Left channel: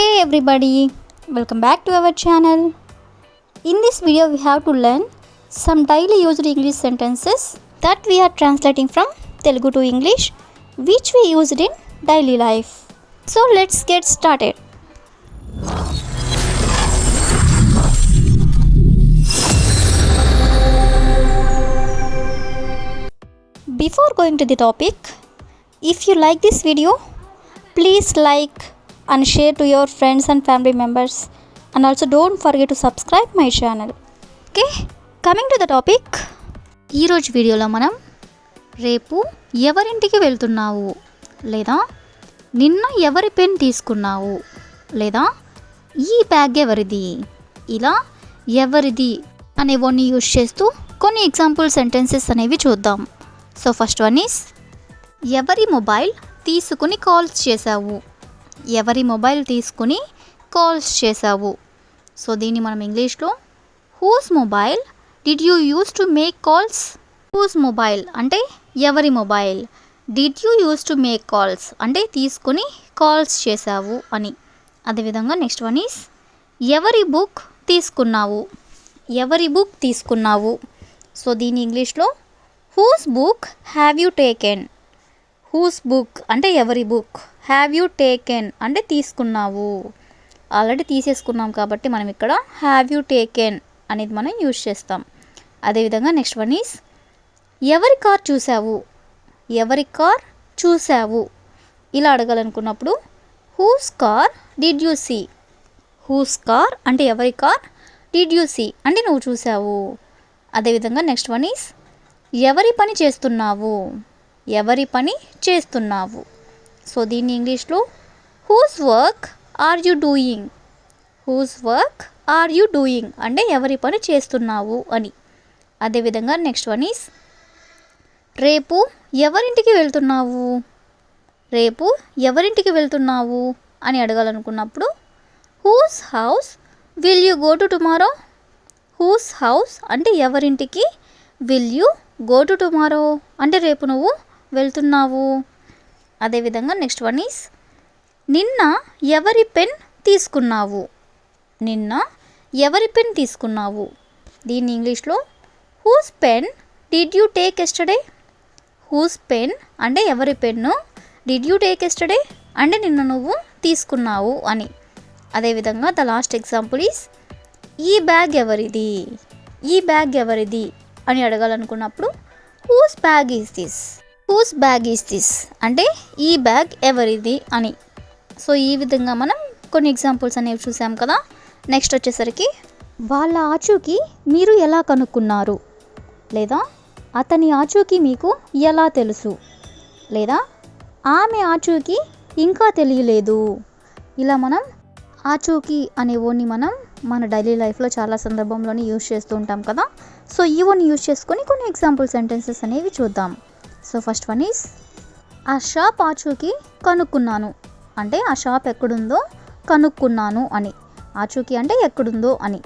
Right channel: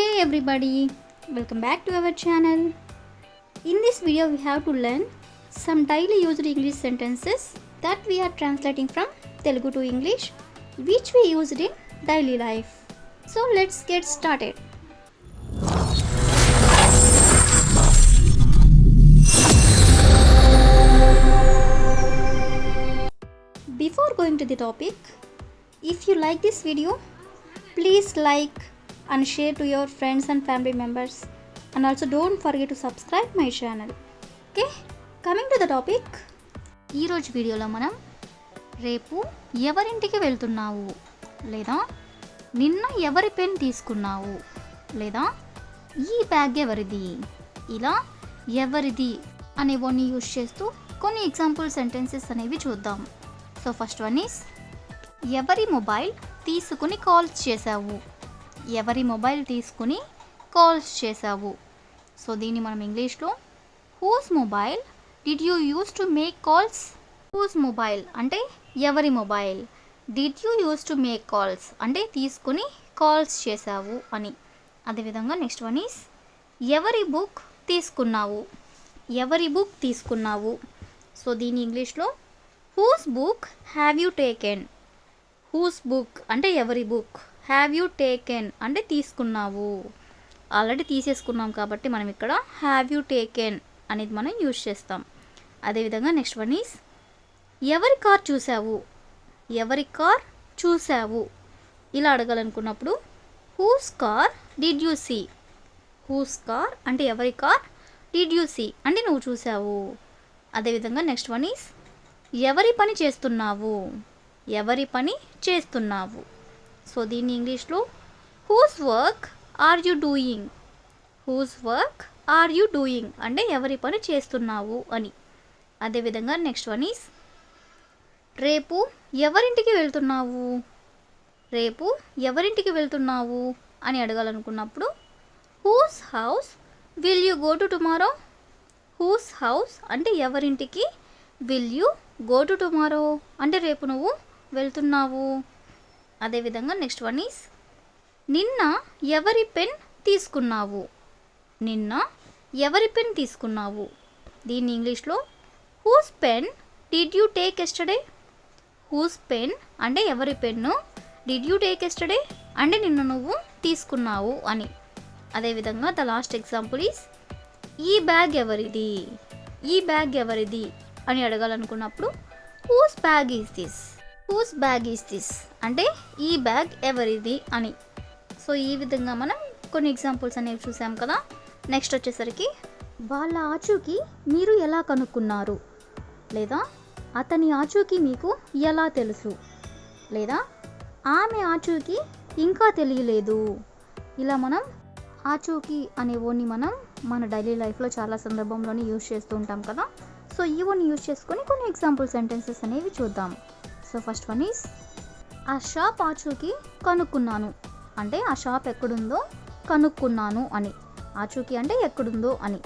Hey everybody, welcome back to our channel. In this video we have to learn some daily used English sentences that we are translating from Telugu to English which we used in daily life. So let's get started. Before going to the topic, if you like this video, please like and share to your friends and family members, and also don't forget to subscribe my channel. Okay, coming to the topic, ఈ రోజు వీడియోలో మనం రేపు ఎవరింటికి వెళ్తున్నావు, లేదా నిన్న ఎవరి పెన్ తీసుకున్నావు, లేదా ఈ బ్యాగ్ ఎవరిది, ఇలా ఎవరిది అనేవన్నీ యూజ్ చేస్తూ కొన్ని ఎగ్జాంపుల్ సెంటెన్సెస్ అనేవి చూద్దాం. సో ఫస్ట్ వన్ ఈస్, ఎవరి మొబైల్ తీసుకుని కాల్స్ చేసావు, ఎవరి మొబైల్ తీసుకుని కాల్స్ చేసావు. సో దీన్ని మనం ఇంగ్లీష్లో whose mobile did you use to make calls. Whose mobile అంటే ఎవరి మొబైల్, did you use to make calls అంటే తీసుకుని కాల్స్ చేసావు అని. అదేవిధంగా నెక్స్ట్ వన్ ఈస్, ఎవరి బుక్ తీసుకున్నావు, ఎవరి బుక్ తీసుకున్నావు. సో దీన్ని ఇంగ్లీష్లో whose book have you taken. Whose book అంటే ఎవరి బుక్, హ్యావ్ యూ టేకెన్ అంటే తీసుకున్నావు. ఆల్రెడీ తీసేసుకున్నాం కాబట్టి మనం ఇక్కడ హ్యావ్ యూ టేకెన్ అనేది మనం యూజ్ చేస్తాం. అదేవిధంగా నెక్స్ట్ వన్ ఈస్, ఎవరి కార్ చూసావు, ఎవరి కార్ చూసావు. ఇలా అడగాలనుకున్నప్పుడు whose car did you see. Whose car అంటే ఎవరి కార్, డిడ్ యూ సీ అంటే నువ్వు చూసావు. అదేవిధంగా నెక్స్ట్ వన్ ఈస్, ఎవరి పని చేస్తున్నావు, ఎవరి పని చేస్తున్నావు. సో దీన్ని ఇంగ్లీష్లో who's work or you doing. Who's work or you doing అంటే ఎవరి పని చేస్తున్నావు అని. అదేవిధంగా నెక్స్ట్ వన్ ఈస్, రేపు ఎవరింటికి వెళ్తున్నావు, రేపు ఎవరింటికి వెళ్తున్నావు అని అడగాలనుకున్నప్పుడు whose house will you go to tomorrow. Whose house అంటే ఎవరింటికి, will you go to tomorrow అంటే రేపు నువ్వు వెళ్తున్నావు. అదేవిధంగా నెక్స్ట్ వన్ ఈస్, నిన్న ఎవరి పెన్ తీసుకున్నావు, నిన్న ఎవరి పెన్ తీసుకున్నావు. దీన్ని ఇంగ్లీష్లో whose pen did you take yesterday. Whose pen అంటే ఎవరి pen, did you take yesterday అంటే నిన్న నువ్వు తీసుకున్నావు అని. అదేవిధంగా ద లాస్ట్ ఎగ్జాంపుల్ ఈస్, ఈ బ్యాగ్ ఎవరిది, ఈ బ్యాగ్ ఎవరిది అని అడగాలనుకున్నప్పుడు whose bag is this. Whose bag is this అంటే ఈ బ్యాగ్ ఎవరిది అని. సో ఈ విధంగా మనం కొన్ని ఎగ్జాంపుల్స్ అనేవి చూసాం కదా. నెక్స్ట్ వచ్చేసరికి, వాళ్ళ ఆచూకీ మీరు ఎలా కనుక్కున్నారు, లేదా అతని ఆచూకీ మీకు ఎలా తెలుసు, లేదా ఆమె ఆచూకీ ఇంకా తెలియలేదు. ఇలా మనం ఆచూకీ అనే ఓన్ని మనం మన డైలీ లైఫ్లో చాలా సందర్భంలోనే యూజ్ చేస్తూ ఉంటాం కదా. సో ఈ ఓన్ని యూజ్ చేసుకొని కొన్ని ఎగ్జాంపుల్ సెంటెన్సెస్ అనేవి చూద్దాం. సో ఫస్ట్ వన్ ఈస్, ఆ షాప్ ఆచూకీ కనుక్కున్నాను అంటే ఆ షాప్ ఎక్కడుందో కనుక్కున్నాను అని. ఆచూకీ అంటే ఎక్కడుందో అని.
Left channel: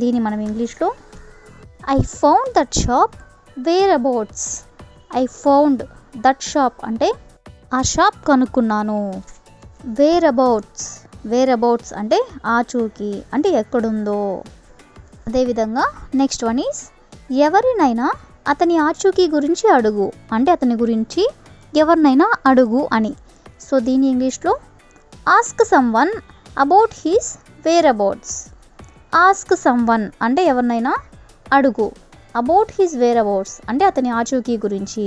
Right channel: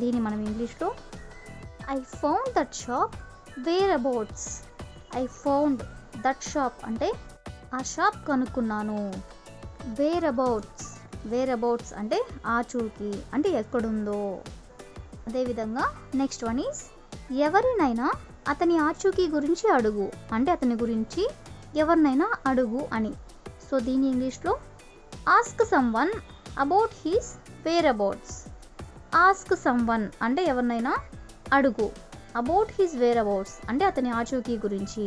దీన్ని మనం ఇంగ్లీష్లో I found that shop whereabouts. I found that shop అంటే ఆ షాప్ కనుక్కున్నాను. వేర్ అబౌట్స్, వేర్ అబౌట్స్ అంటే ఆచూకీ అంటే ఎక్కడుందో. అదేవిధంగా నెక్స్ట్ వన్ ఈస్, ఎవరినైనా అతని ఆచూకీ గురించి అడుగు అంటే అతని గురించి ఎవరినైనా అడుగు అని. సో దీని ఇంగ్లీష్లో ask someone about his whereabouts. Ask someone అంటే ఎవరినైనా అడుగు, అబౌట్ హిస్ వేర్ అబౌట్స్ అంటే అతని ఆచూకీ గురించి.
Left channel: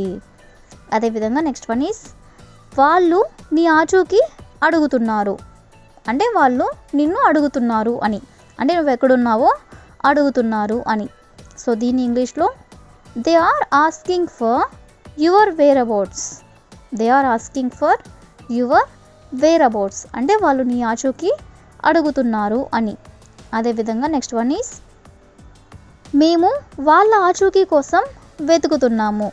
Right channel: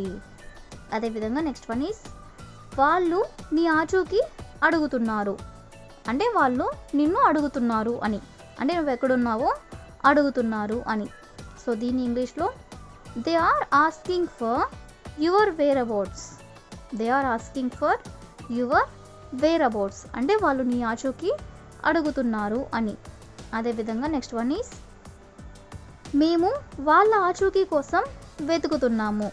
అదేవిధంగా నెక్స్ట్ వన్ ఈస్, వాళ్ళు నీ ఆచూకీ అడుగుతున్నారు అంటే వాళ్ళు నిన్ను అడుగుతున్నారు అని, అంటే నువ్వు ఎక్కడున్నావో అడుగుతున్నారు అని. సో దీని ఇంగ్లీష్లో they are asking for your whereabouts. They are asking for your whereabouts అంటే వాళ్ళు నీ ఆచూకీ అడుగుతున్నారు అని. అదేవిధంగా నెక్స్ట్ వన్ ఈస్, మేము వాళ్ళ ఆచూకీ కోసం వెతుకుతున్నాము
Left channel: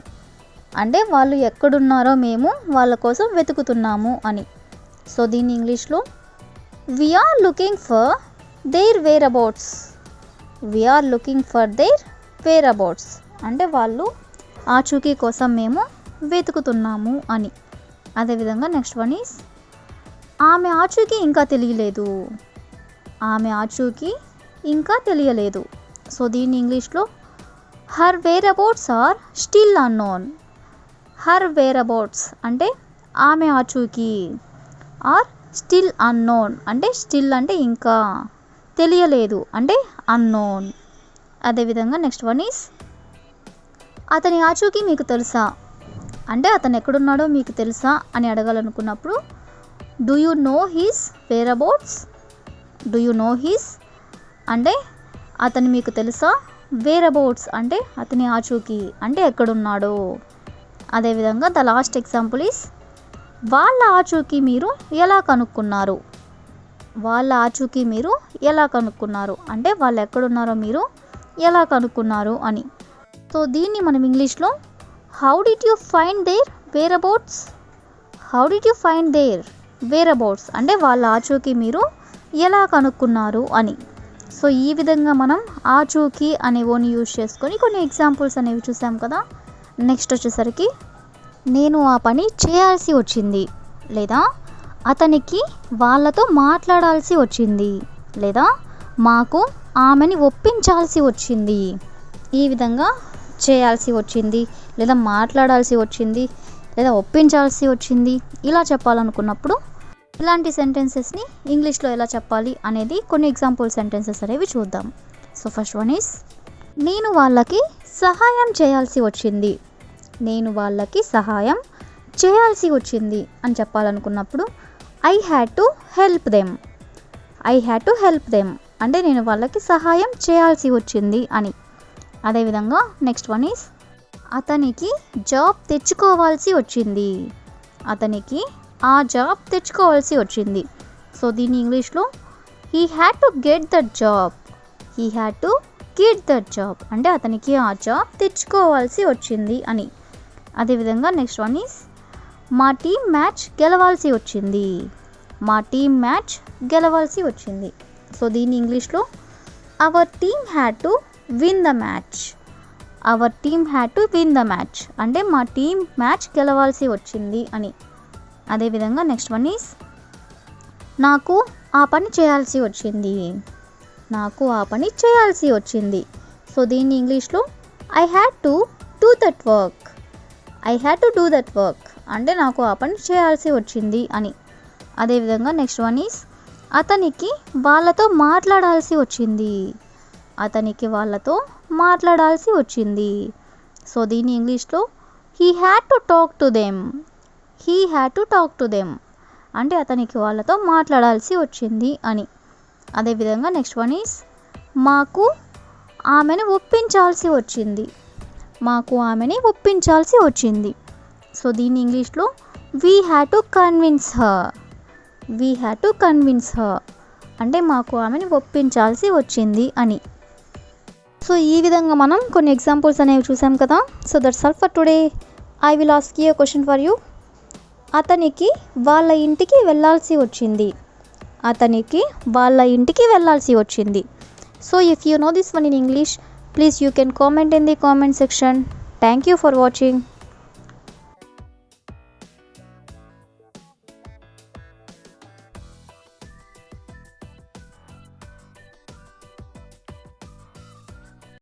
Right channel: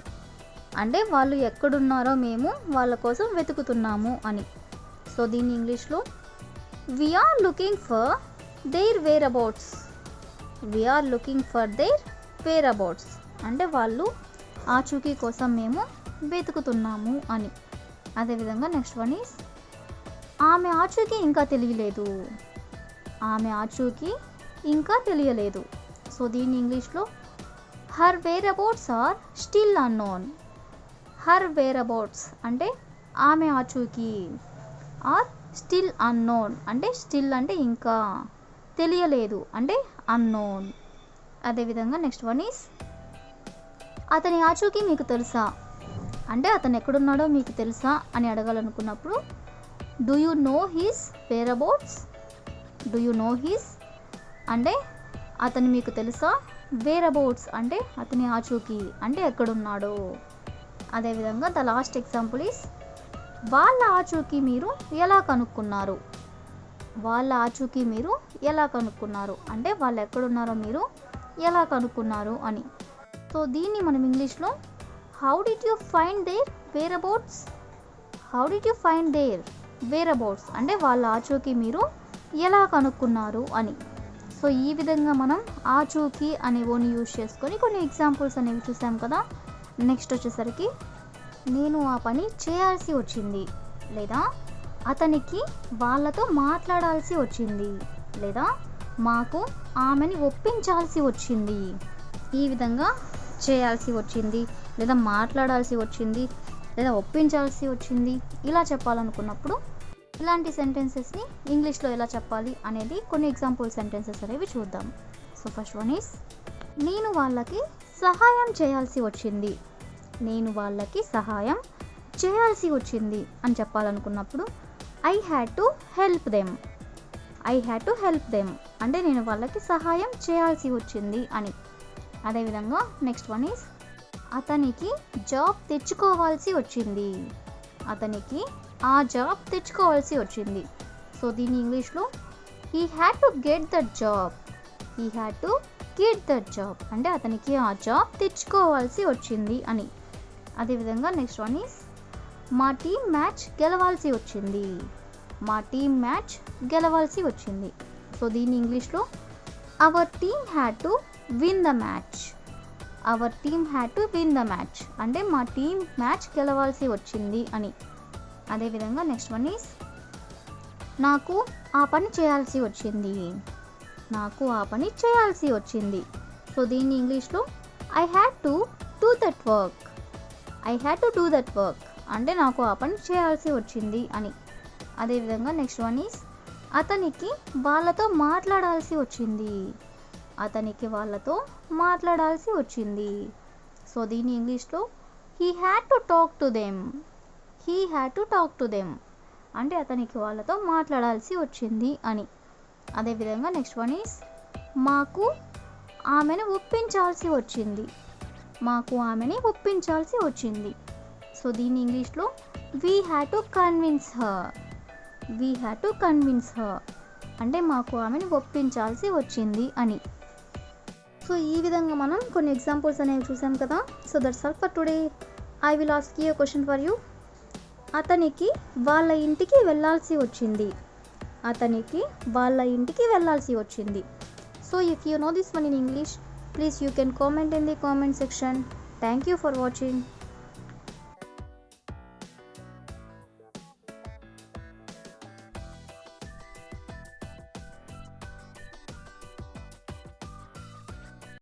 అంటే వాళ్ళు ఎక్కడున్నారో మేము వాళ్ళ కోసం వెతుకుతున్నాము అని. సో దీన్ని ఇంగ్లీష్లో we are looking for their whereabouts. We are looking for their whereabouts అంటే వాళ్ళు ఆచూకీ కోసం మేము వెతుకుతున్నాము అని. అదేవిధంగా నెక్స్ట్ వన్ ఈస్, ఆమె ఆచూకీ ఇంకా తెలియలేదు. ఆమె ఆచూకీ ఇంకా తెలియలేదు. సో దీన్ని ఇంగ్లీష్లో her whereabouts are still unknown. Her whereabouts అంటే ఆమె ఆచూకీ, ఆర్ స్టిల్ అన్నోన్ అంటే స్టిల్ అంటే ఇంకా, తెలియలేదు అంటే అన్నోన్. అదేవిధంగా నెక్స్ట్ వన్ ఈస్ అతని ఆచూకీ మీకు తెలుసా అంటే అతను ఎక్కడున్నాడో మీకు తెలుసా అని అడగాలనుకున్నప్పుడు do you know his whereabouts. Do you know his అంటే అతను మీకు తెలుసా, వేర్ అబౌట్స్ అంటే అతని ఆచూకీ అంటే ఎక్కడున్నాడో. అదేవిధంగా ద లాస్ట్ ఎగ్జాంపుల్ ఈస్ వాళ్ళ ఆచూకీ మీరు ఎలా కనుక్కున్నారు. వాళ్ళ ఆచూకీ మీరు ఎలా కనుక్కున్నారు అంటే వాళ్ళు ఎక్కడున్నారో మీరు ఎలా కనుక్కున్నారు అని. సో దీన్ని మనం ఇంగ్లీష్లో how did you find their whereabouts. How did you find their whereabouts అంటే వాళ్ళ ఆచూకీ మీరు ఎలా కనుక్కున్నారు అని. సో ఈ విధంగా మనం ఆచూకీ అనే ఓని యూజ్ చేసుకొని కొన్ని ఎగ్జాంపుల్స్ అనేవి చూసాం కదా. నెక్స్ట్ వచ్చేసరికి నేను ఆ పని చేయాల్సి వచ్చింది, లేదా అతనికి వాళ్ళతో మాట్లాడాల్సి వచ్చింది, లేదా మాకు ఆమెని ఒప్పించాల్సి వచ్చింది. ఈ విధంగా చేయాల్సి వచ్చింది, లేదా మాట్లాడాల్సి వచ్చింది, లేదా ఒప్పించాల్సి వచ్చింది ఇలా చెప్పాలనుకున్నప్పుడు ఇలాంటి సెంటెన్సెస్ని ఇంగ్లీష్లో ఎలా చెప్పాలి అనేది కొన్ని ఎగ్జాంపుల్ సెంటెన్సెస్ అనేవి చూద్దాం. సో ఫస్ట్ వన్ ఈస్ నేను వాళ్ళకి సహాయం చేయాల్సి వచ్చింది. నేను వాళ్ళకి సహాయం చేయాల్సి వచ్చింది అని చెప్పాలనుకున్నప్పుడు I had to help them. I had to help them అంటే నేను వాళ్ళకి సహాయం చేయాల్సి వచ్చింది అని. అదేవిధంగా నెక్స్ట్ వన్ ఈస్ అతనికి జాబ్ తెచ్చుకోవాల్సి వచ్చింది. అతనికి ఆ జాబ్ తెచ్చుకోవాల్సి వచ్చింది. సో దీన్ని ఇంగ్లీష్లో he had to get that job. He had to get that job అంటే అతనికి ఆ జాబ్ తెచ్చుకోవాల్సి వచ్చింది అని. అదేవిధంగా నెక్స్ట్ వన్ ఈస్ మా టీం మ్యాచ్ గెలవాల్సి వచ్చింది. మా టీం మ్యాచ్ గెలవాల్సి వచ్చింది. సో దీన్ని ఇంగ్లీష్లో our team had to win the match. Our team had to win the match అంటే మా టీం మ్యాచ్ గెలవాల్సి వచ్చింది అని. అదేవిధంగా నెక్స్ట్ వన్ ఈస్ నాకు ఆ పని చేయాల్సి వచ్చింది. నాకు ఆ పని చేయాల్సి వచ్చింది. సో దీన్ని ఇంగ్లీష్లో I had to do that work. I had to do that work అంటే నాకు ఆ పని చేయాల్సి వచ్చింది అని. అదేవిధంగా నెక్స్ట్ వన్ ఈస్ అతనికి వాళ్ళతో మాట్లాడాల్సి వచ్చింది. అతనికి వాళ్ళతో మాట్లాడాల్సి వచ్చింది. సో దీన్ని ఇంగ్లీష్లో he had to talk to them. He had to talk to them అంటే అతనికి వాళ్ళతో మాట్లాడాల్సి వచ్చింది అని. అదేవిధంగా నెక్స్ట్ వన్ ఈస్ మాకు ఆమెను ఒప్పించాల్సి వచ్చింది. మాకు ఆమెని ఒప్పించాల్సి వచ్చింది. సో దీన్ని ఇంగ్లీష్లో we had to convince her. We had to convince her అంటే మాకు ఆమెని ఒప్పించాల్సి వచ్చింది అని. సో ఈ విధంగా మనం కొన్ని ఎగ్జాంపుల్స్ అనేవి చూసాం కదా. So that's all for today. I will ask you a question for you. అతనికి వాళ్ళ ఇంటికి వెళ్ళాల్సి వచ్చింది. అతనికి వాళ్ళ ఇంటికి వెళ్ళాల్సి వచ్చింది. So if you know this one in English, please you can comment in the comment section. Thank you for watching.